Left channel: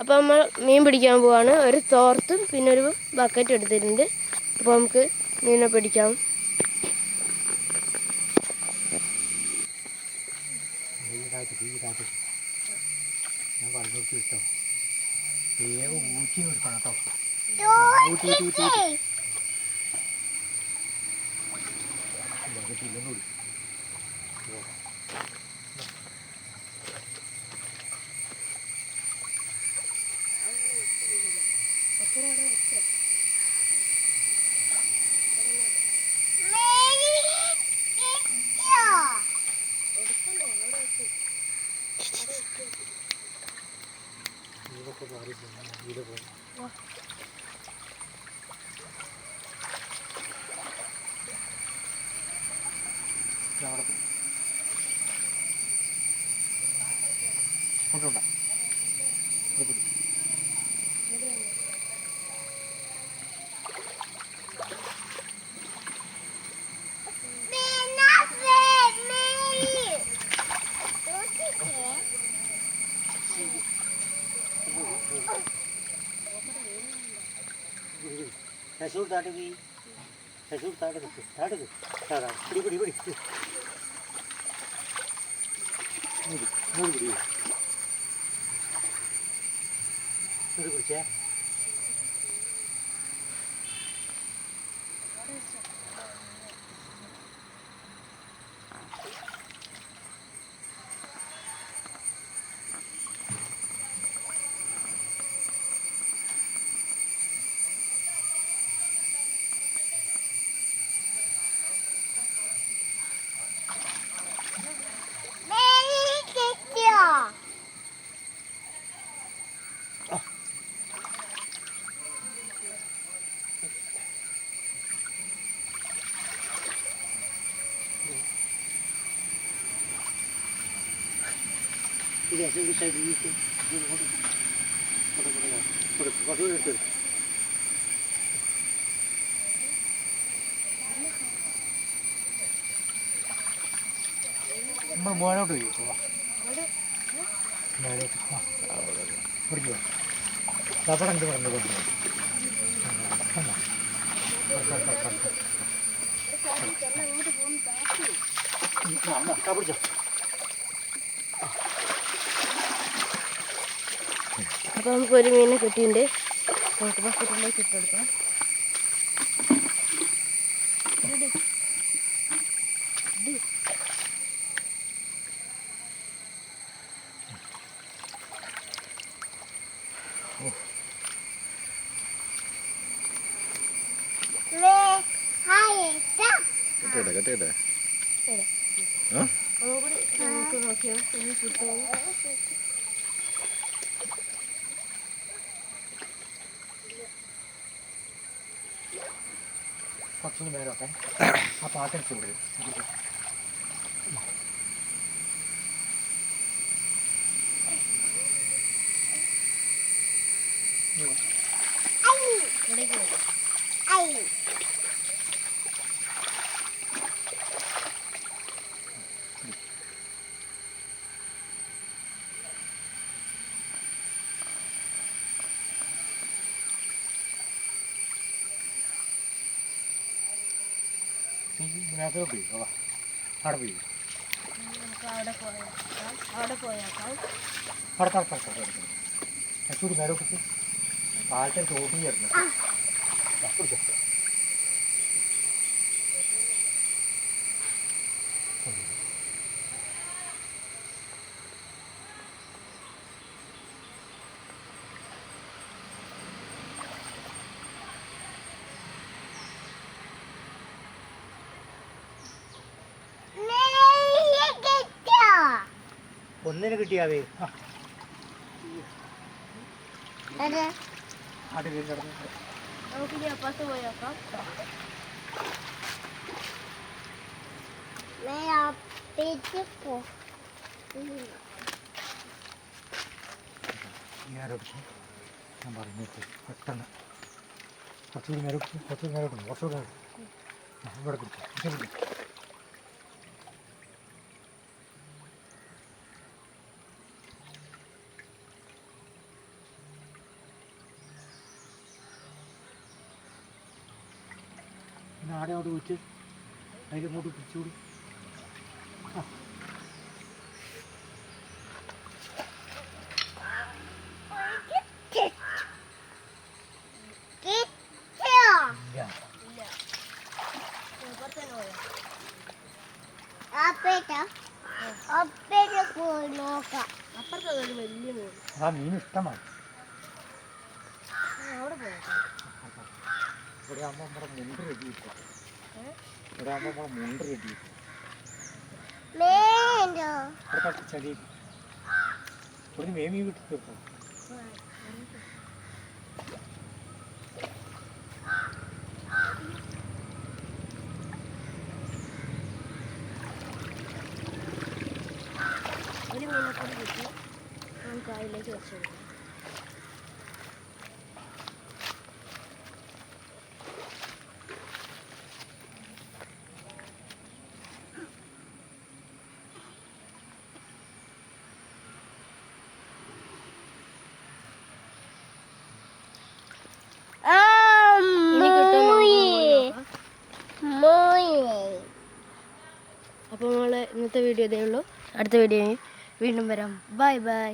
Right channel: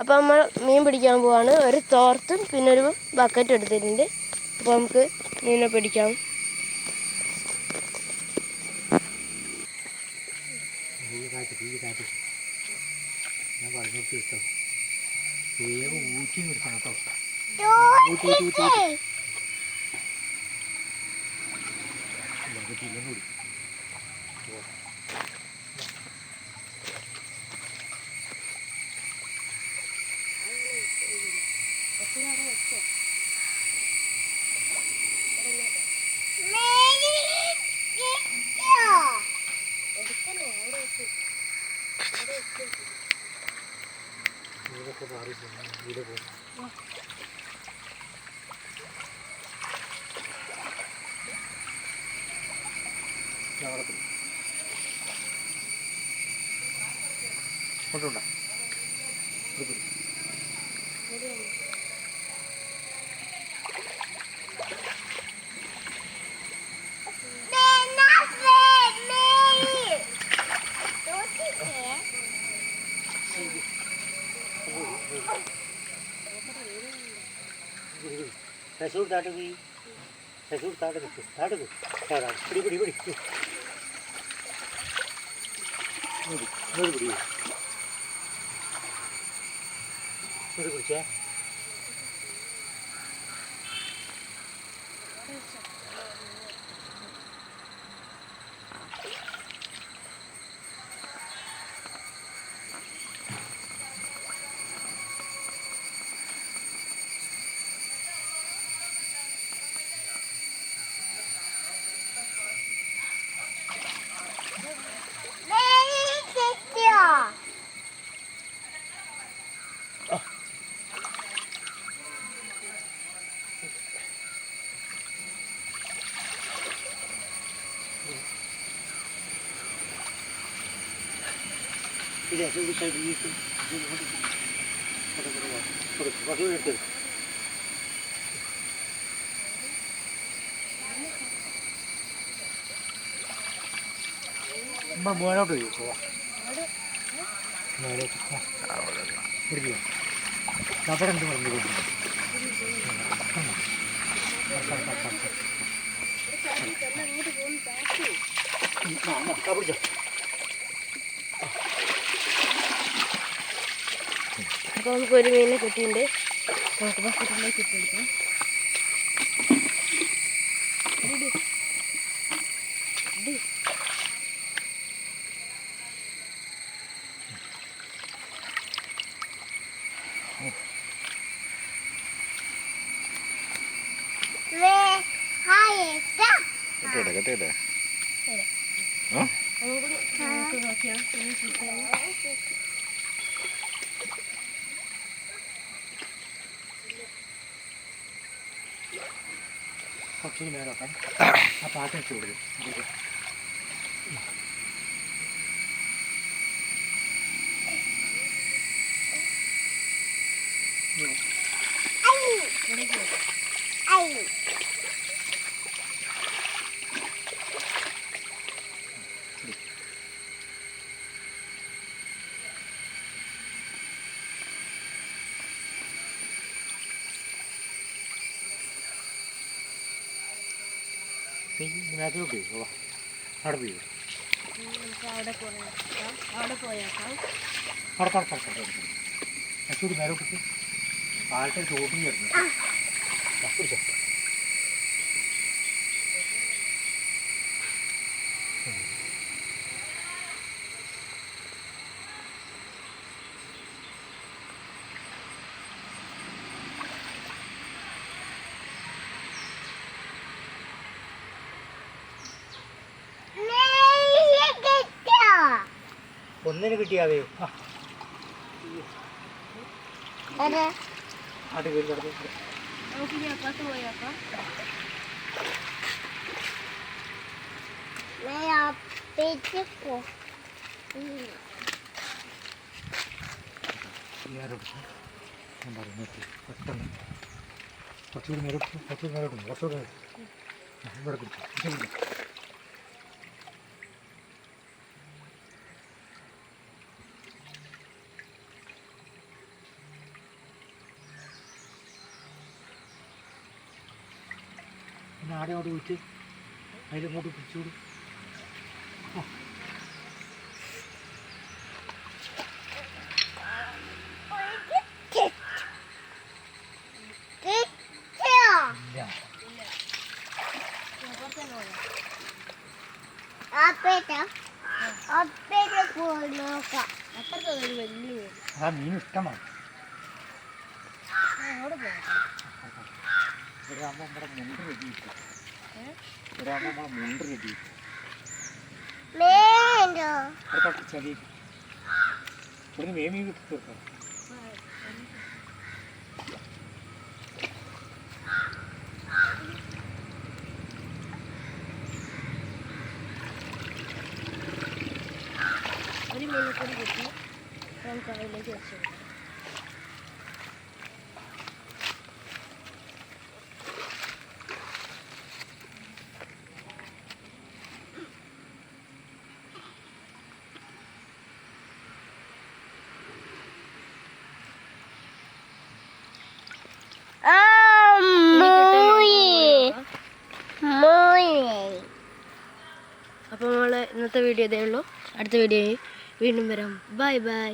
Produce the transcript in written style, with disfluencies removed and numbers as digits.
അപ്പോൾ നമ്മൾ മീൻ പിടിക്കാൻ പോവാണ്. ഒരു തോർത്തും പിന്നെ ഒരു ബക്കറ്റ് എടുത്തിട്ടുണ്ട്. അപ്പോൾ നമുക്ക് മീനെ പിടിക്കാം. ഞാൻ പറഞ്ഞു കിട്ടോ വേഗം ഊറ്റി നിർത്തണം കേട്ടോ. ബക്കറ്റില്ലെന്ന് കുടിക്കും. കൊണ്ടുണ്ടോ ससुर ताट भी ससुर ताट ताड़ा बड़ी बड़ी बड़ी बड़ी बड़ी बड़ी മോനോട്ട് പിടിക്കുക അവിടെ എന്ത് പറഞ്ഞു കൊടുക്കുന്നത് പിടിച്ചോ. അപ്പോൾ നമുക്കൊരു മീനെ കിട്ടിയിട്ടുണ്ട്. നമുക്ക് ബക്കറ്റിലേക്ക് ഇട്ടെടുക്കാം. കട്ടേട്ടെ നമുക്ക് നോക്കിയാൽ കുറച്ചുകൂടി നേരം വെക്കാം. ആ പാത്രം ചൂട് ഇതിനകത്തോട്ട് പോയി അവിടെ പോയി ചൂടി നേരോട്ട് പാലത്തെ ചോട്ടിൽ വരുന്നു. ഒന്നിന് കിട്ടിയാവേ നമുക്കിനി അപ്പുറത്ത് പോയി നോക്കാം. ഞാൻ പറഞ്ഞു പെട്ടെന്ന് കുറച്ചുകൂടി നേരോട്ട് കുറച്ചുകൂടി ഇവിടെ പിടിച്ചു. പിന്നെ ആടെ അവിടെ വെച്ച് അതിലിങ്ങോട്ട് പിടിച്ചോളൂ. ആ മീൻ ഇഷ്ടമാണ്. ഇവിടെ ആകുമ്പോൾ നമ്മുടെ മുണ്ട് റെഡി കിട്ടും. ഇവിടെ ആകുമ്പോൾ നമ്മുടെ മുണ്ട് റെഡി കിട്ടും. ഇവിടെ ചെറിയ ഇവിടെ മേമി കിട്ടി തീർക്കാം. ഒരു മീനക്കൂടി കിട്ടി നമുക്ക് അതിലേക്ക് വെച്ച് കൊടുക്കാം. അപ്പോൾ നമ്മൾ ഇന്നത്തെ വീഡിയോ ഇതേ ഉള്ളൂ. അടുത്ത വീഡിയോയിൽ വീണ്ടും വരാം. Bye bye.